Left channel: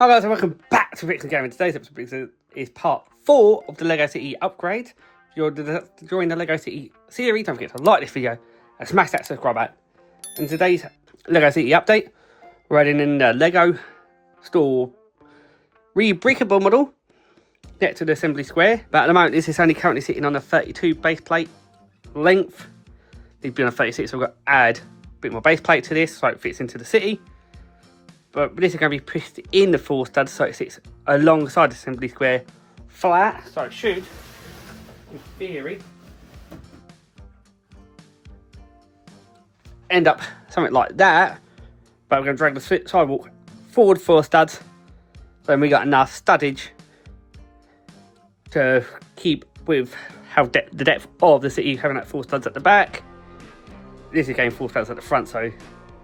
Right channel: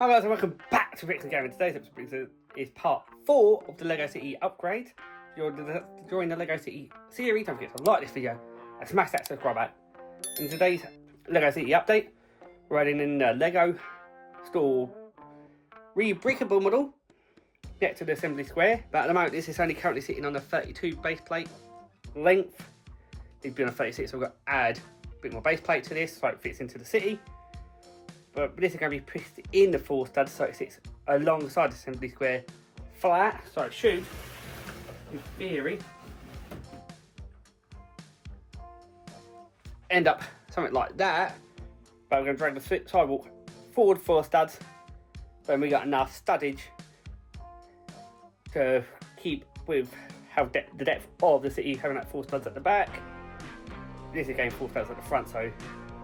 Hi guys and welcome back to Rebrickable Gaming. Today's episode is part 4 of the LEGO City upgrade. If you're joining the LEGO City series, don't forget to like this video and smash that subscribe button. In today's LEGO City update, we're adding in the LEGO store Rebrickable model. Get to the assembly square, but at the moment this is only currently sitting on a 32 base plate length. It's been on 36, so we've got to add a bit more base plate to this so it fits into the city. But this is going to be pushed in the 4 studs so it sits alongside the assembly square flat. So it should, in theory, end up something like that. But we're going to drag the sidewalk forward 4 studs. Then we got enough studdage to keep with how the depth of the city, having that 4 studs at the back. This is going 4 studs at the front, so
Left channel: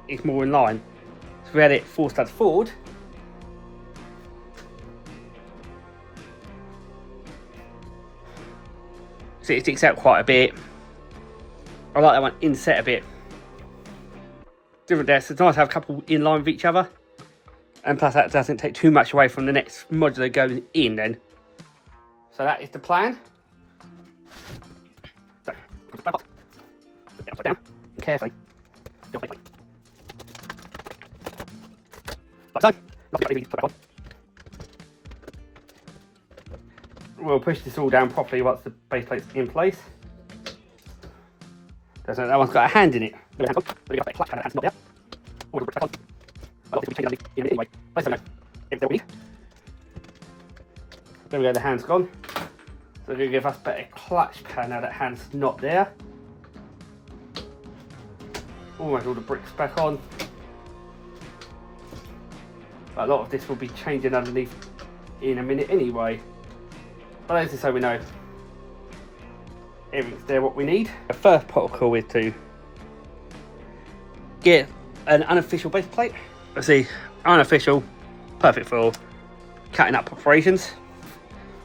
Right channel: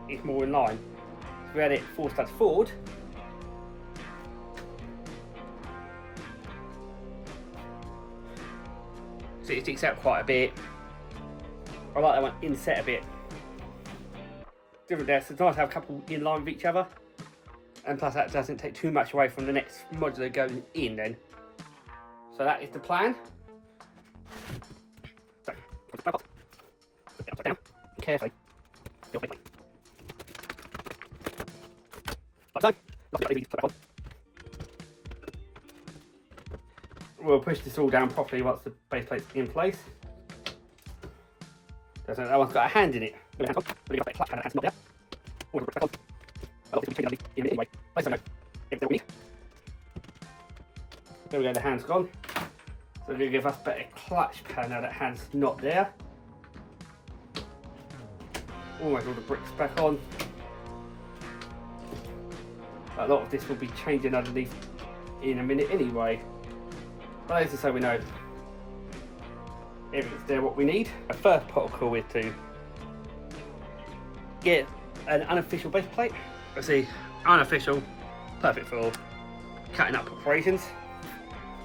it's more in line. We had it 4 studs forward. So it sticks out quite a bit. I like that one inset a bit. Different desks. It's nice to have a couple in line with each other. And plus that doesn't take too much away from the next modular going in then. So that is the plan. So, down, carefully. We'll push this all down properly once the base plate's in place. That one's got a hand in it. Then we get the hand's gone. So we're going to give us better clutch power now that hand's not there. Almost all the bricks back on. A lot of this will be changing underneath in a minute anyway. But as I say, we know everything's there what we need. The first protocol is to get an unofficial base plate. Let's see, unofficial, perfect for cutting up operations.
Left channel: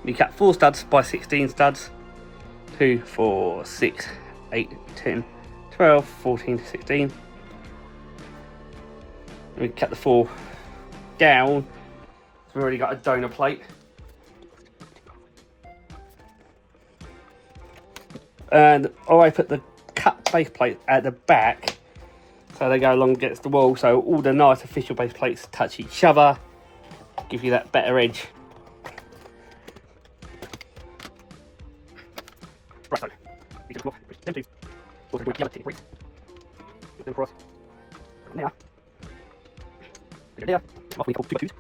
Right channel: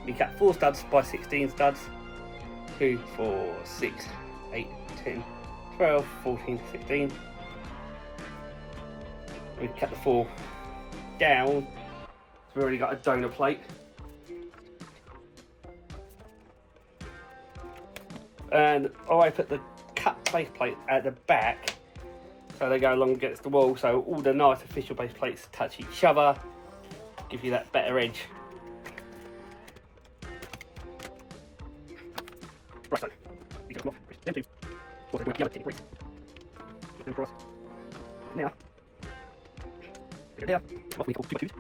We cut 4 studs by 16 studs. 2, 4, 6, 8, 10, 12, 14, 16. We cut the 4 down, so we've already got a donor plate. And I put the cut base plate at the back so they go along against the wall, so all the nice official base plates touch each other, give you that better edge. Right, so you just them two. Also do the other break. Put them across. Now. There. Off we pull 2 by 2s.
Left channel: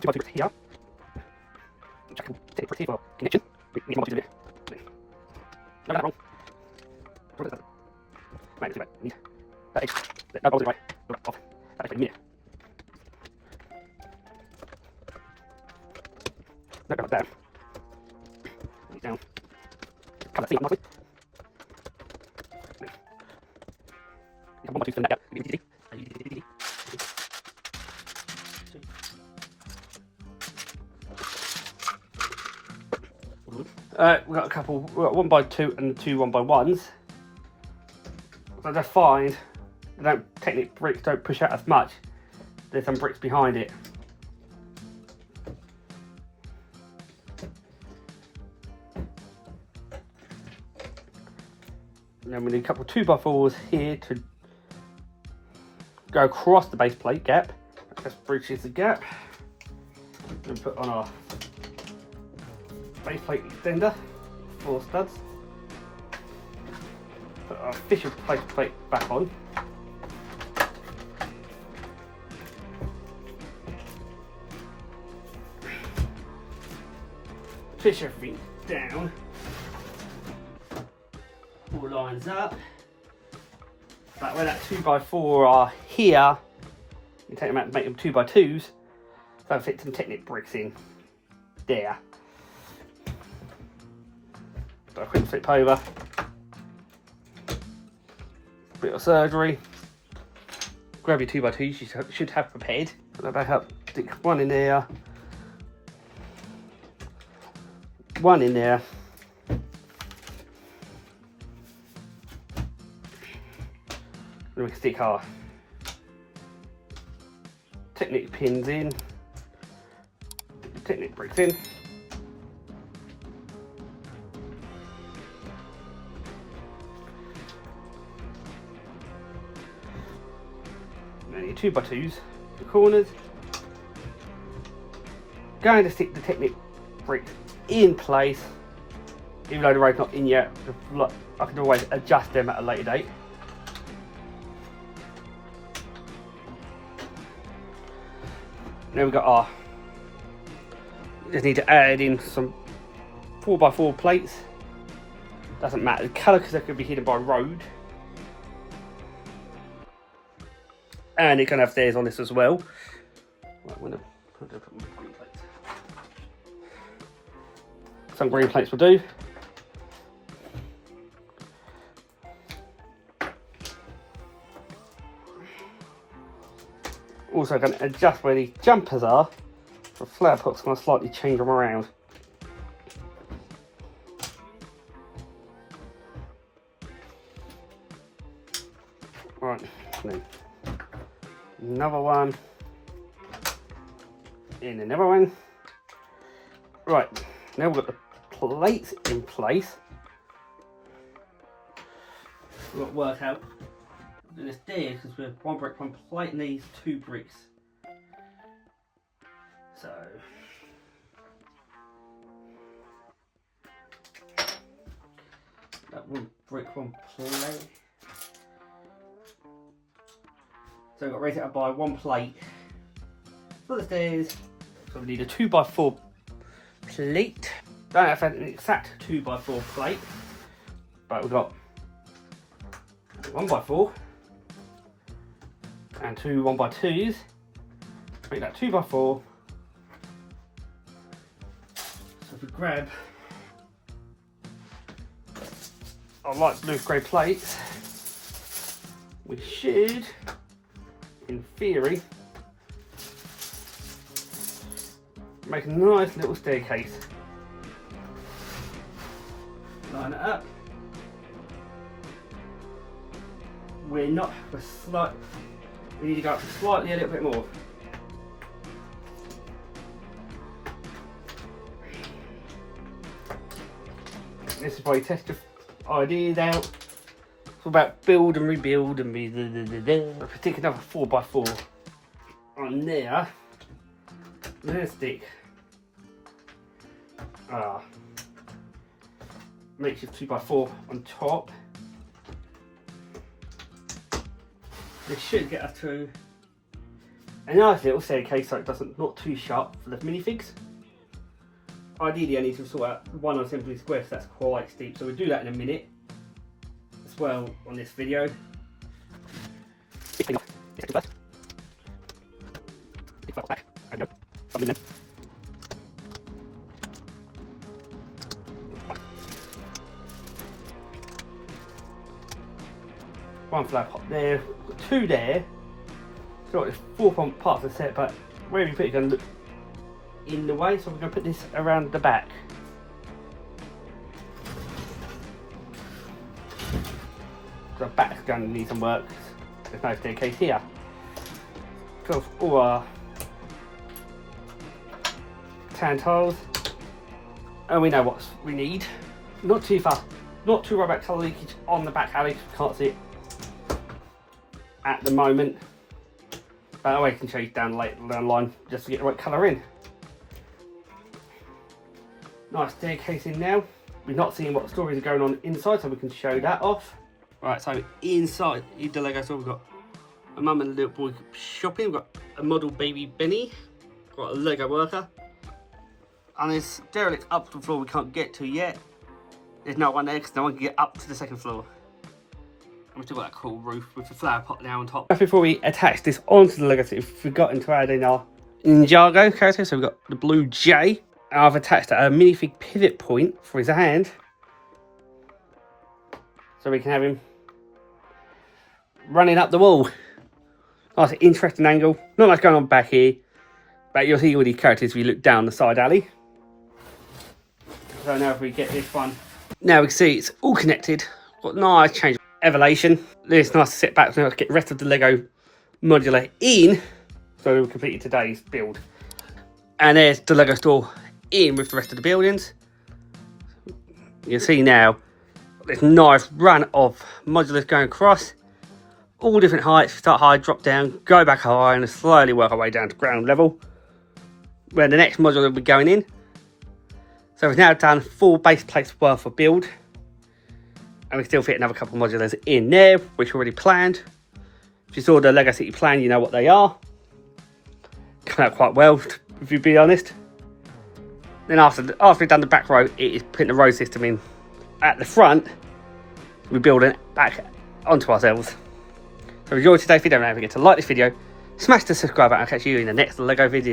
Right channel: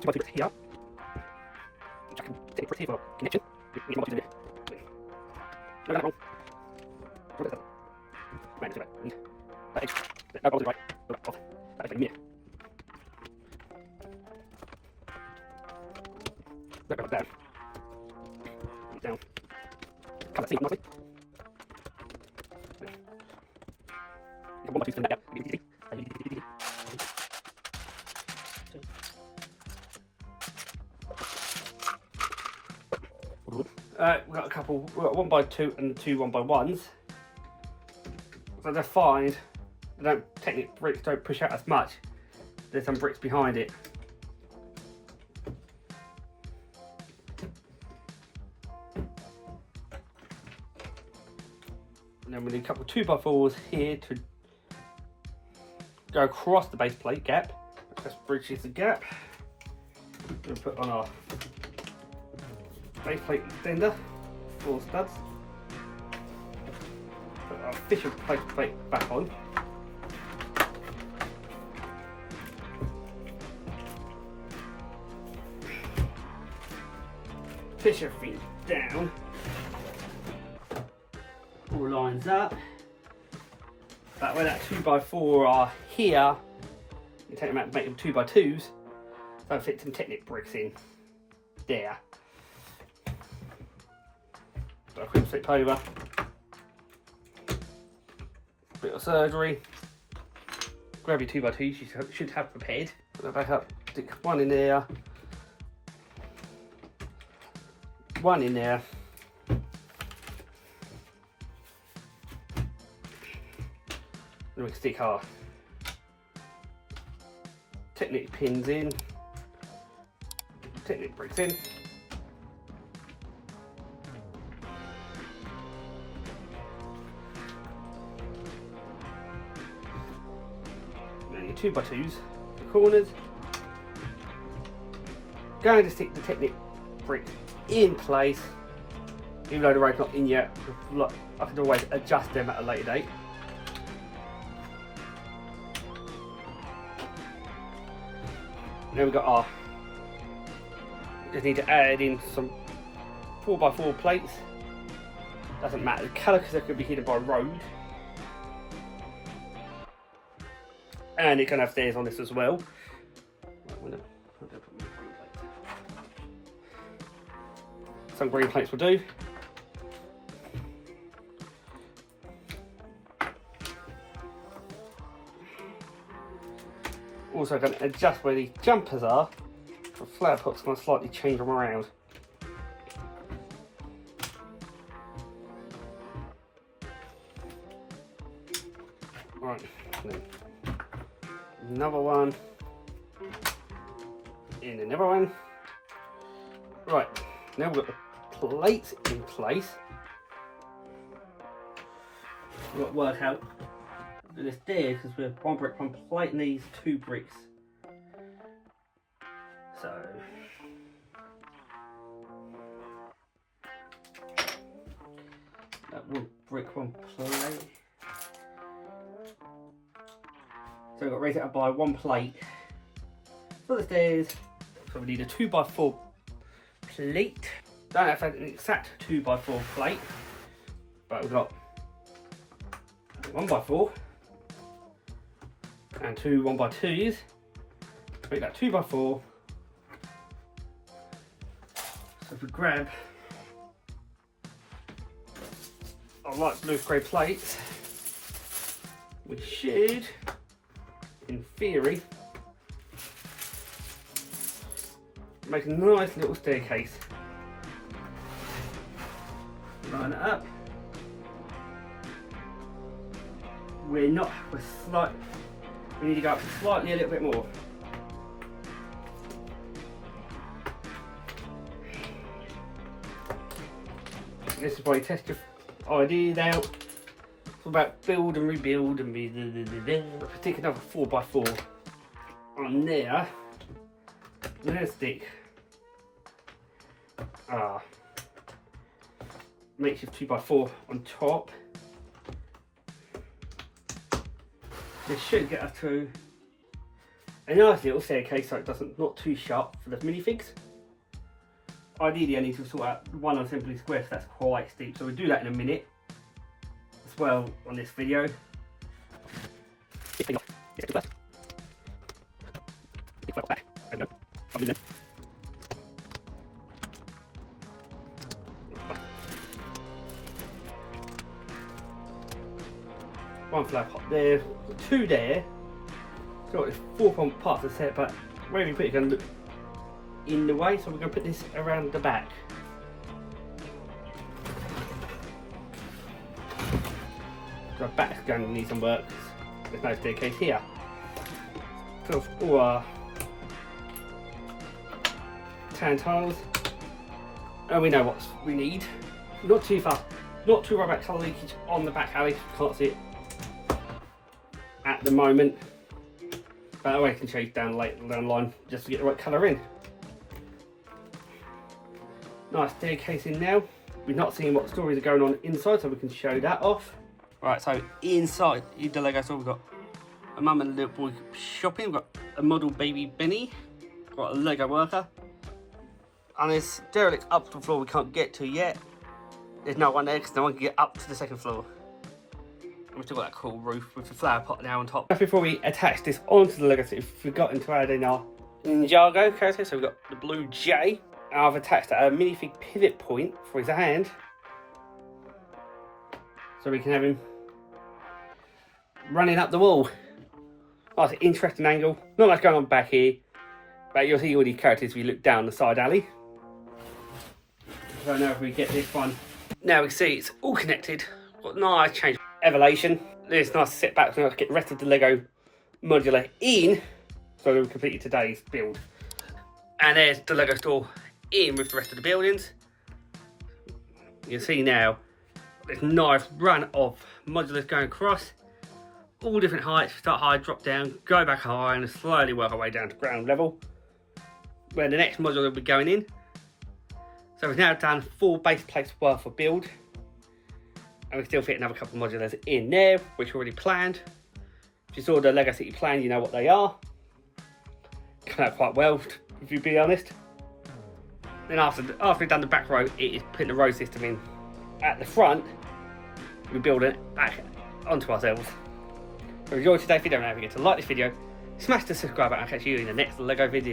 2 by 2 here. Which I can take it here for connection. We need 1 by 2 there. No, that's wrong. Right, let's do that. We need that edge. No, balls in right. No, off. That edge in a minute. No, go down. Down. Cut that seam nicely. 1 by 2 spin that gap. We've got a couple, 1 by 2 and 2 1 by 1s. So they're fine. They don't, technically bricks don't push out as much. There's some bricks behind it. And then we need a couple 2 by 4s here to go across the base plate gap. That just bridges the gap. And put on our base plate extender, 4 studs. Put our official base plate back on. Push everything down. All lines up. But where that 2 by 4 are here, you take them out and make them 2 by 2s. So I fit some Technic bricks in there. So I quick flip over. Bit of surgery. Grab your 2 by 2s you should have prepared. Put that back up. Stick 1 in there. 1 in there. And we can stick our Technic pins in, Technic bricks in. Then your 2x2s, the corners. Going to stick the Technic bricks in place, even though the road's not in yet. I can always adjust them at a later date. Then we've got our, just need to add in some 4x4 plates. Doesn't matter the colour because they're going to be hidden by road. And it can have theirs on this as well. Right, I'm gonna put my green plates. Some green plates will do. Also going to adjust where the jumpers are. The flower pot's going to slightly change them around. Right, then another one. In another one. Right, now we've got the plates in place. We've got to work out this there because we're 1 brick, 1 plate needs 2 bricks. So that 1 brick, 1 plate. So we've got to raise it up by 1 plate for the stairs. So we need a 2x4 plate. Don't have an exact 2x4 plate, but we've got 1x4 and 2 1x2s. Make that 2x4. So if we grab our light blue grey plates, we should, in theory, make a nice little staircase. Line it up. We need to go up slightly a little bit more. This is why you test your ideas out. It's all about build and rebuild and I'll stick another 4x4 on there. And then stick makeshift 2x4 on top. This should get us to a nice little staircase so it doesn't not too sharp for the minifigs. Ideally I need to sort out one on Simply Square because that's quite steep, so we'll do that in a minute as well on this video. One flower pot there, 2 there. So there's 4 parts of the set, but wherever you put it, you're going to look in the way. So we're going to put this around the back. So our back's going to need some work. There's no staircase here. So all our tan tiles, and we know what we need. Not too fast, not too worried about colour leakage on the back alley. Can't see it at the moment, but that way I can change down later down the line just to get the right colour in. Nice staircase in now. We're not seeing what stories are going on inside, so we can show that off. Right, so inside the Lego store, we've got a mum and a little boy shopping. We've got a model baby Benny, got a Lego worker, and there's derelict up to the floor we can't get to yet. There's no one there because no one can get up to the 2nd floor. We've still got that cool roof with the flower pot now on top. Before we attach this onto the Lego set, we've forgotten to add in our Ninjago character. So we've got the blue J. I've attached a minifig pivot point for his hand, so we can have him running up the wall. Nice interesting angle. Not much going on back here, but you'll see all these characters if you look down the side alley. So now if we get this one, now we can see it's all connected. Got nice change of elevation. It's nice to sit back and get the rest of the Lego modular in. So we completed today's build. And there's the Lego store in with the rest of the buildings. You can see now this nice run of modulars going across. All different heights. Start high, drop down, go back high, and slowly work our way down to ground level, where the next modular will be going in. So we've now done 4 base plates worth of build. And we still fit another couple of modulars in there, which we already planned. If you saw the Lego City plan, you know what they are. Come out quite well, if you be honest. Then after we've done the back row, it is putting the row system in at the front. We're building back onto ourselves. So if you enjoyed today's video, don't forget to like this video, smash the subscribe button, and I'll catch you in the next Lego video.